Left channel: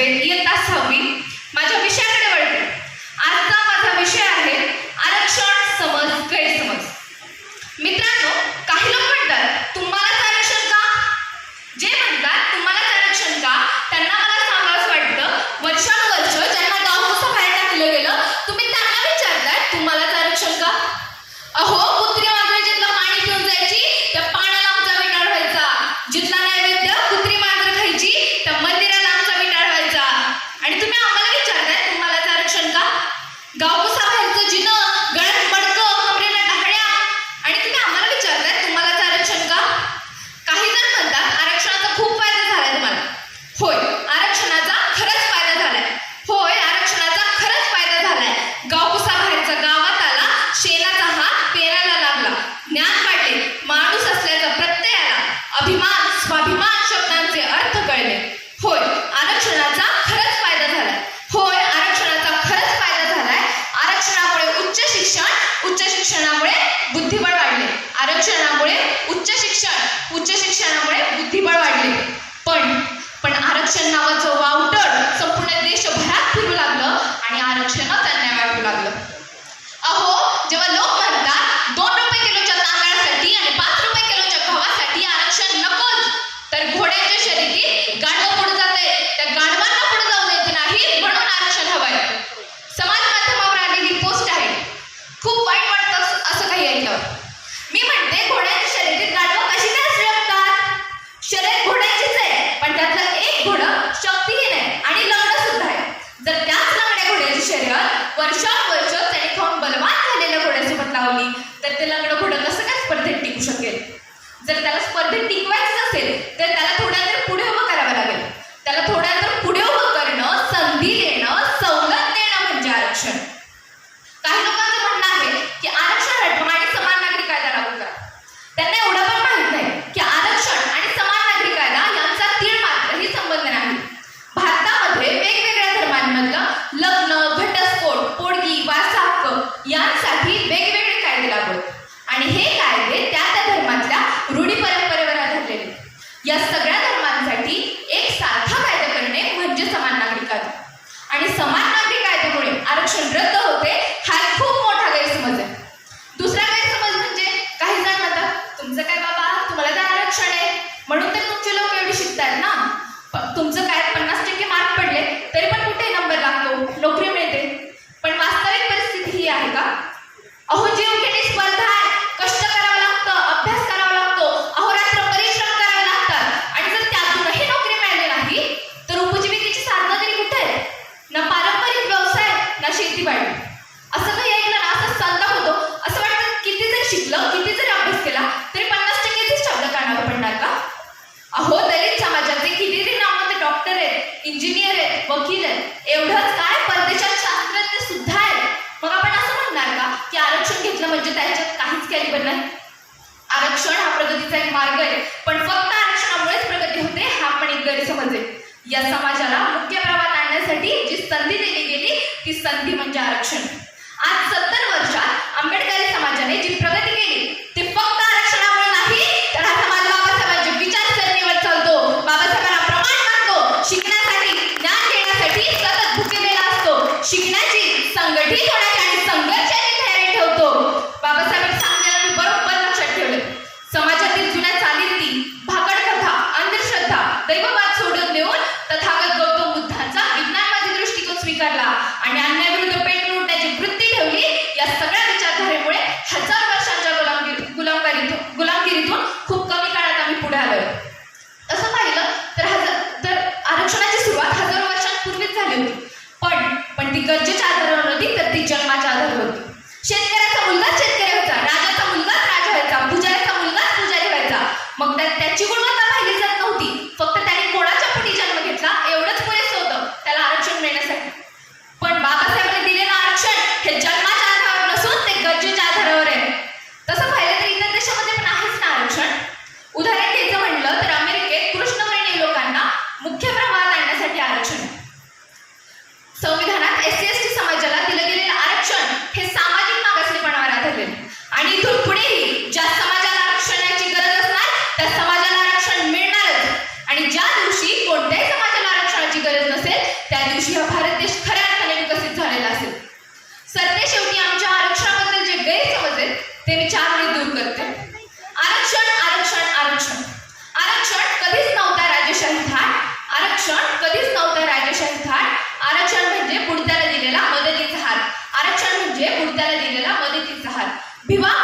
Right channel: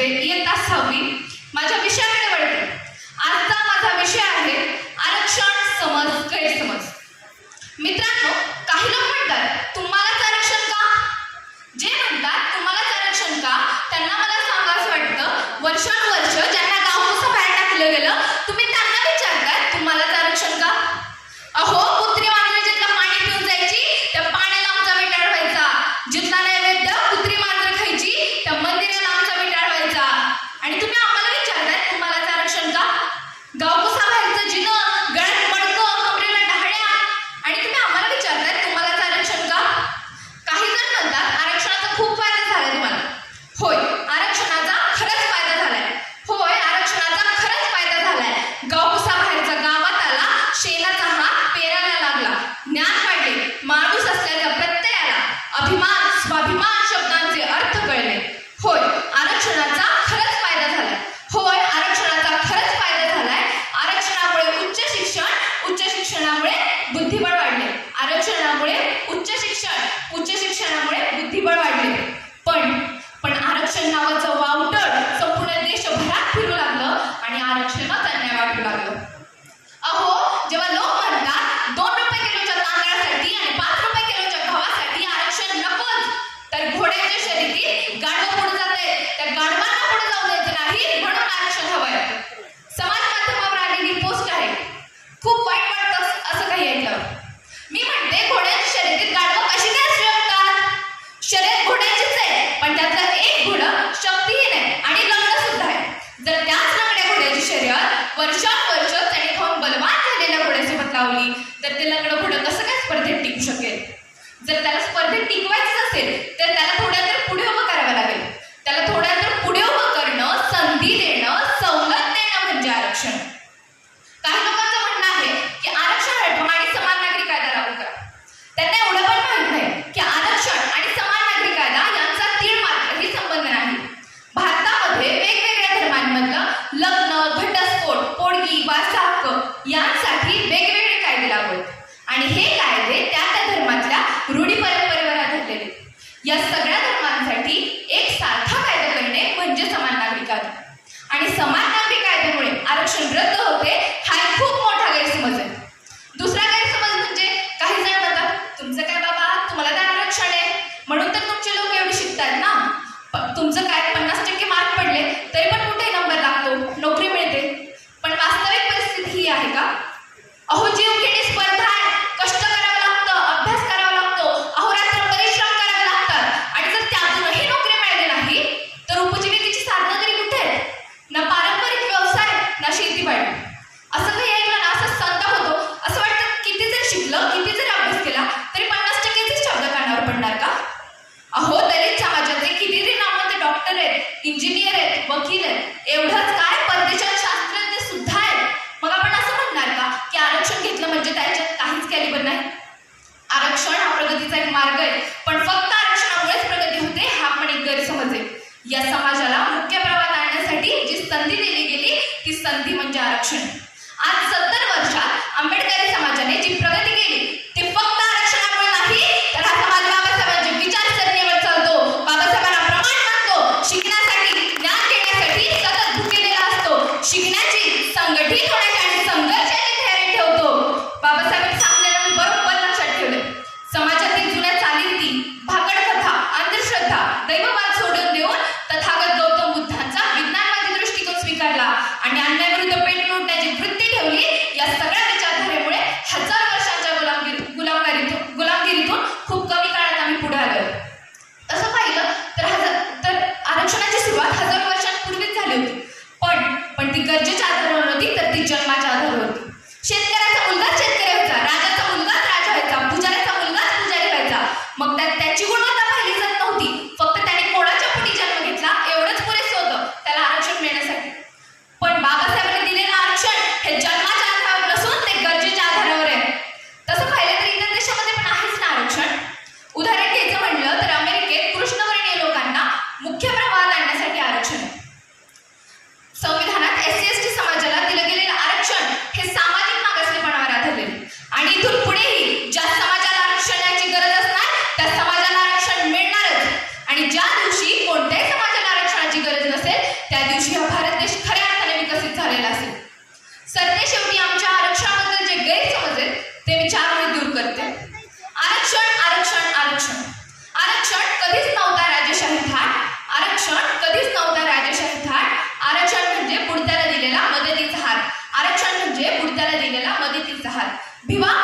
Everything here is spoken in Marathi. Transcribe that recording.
பெரிய ಶ್ರವಣಾमुळे बुद्धिबळ वाढले आरोग्य श्रवणामुळे उच्च शिक्षण Я आला की आरक्षण घेतलं म्हणजे त्याच्यात काहीच कॅलिबर नाही. आरक्षण हा प्रगतीचा एक मार्ग आहे. पण फक्त आरक्षणामुळेच प्रगती होते हा पण एक गैरसमज आहे. या समाजाला मुख्य प्रवाहात आणण्यासाठी जी संधी दिली गेली ती संधी म्हणजे आरक्षण. आज सत्तर वर्षात Be ¡Vivamos!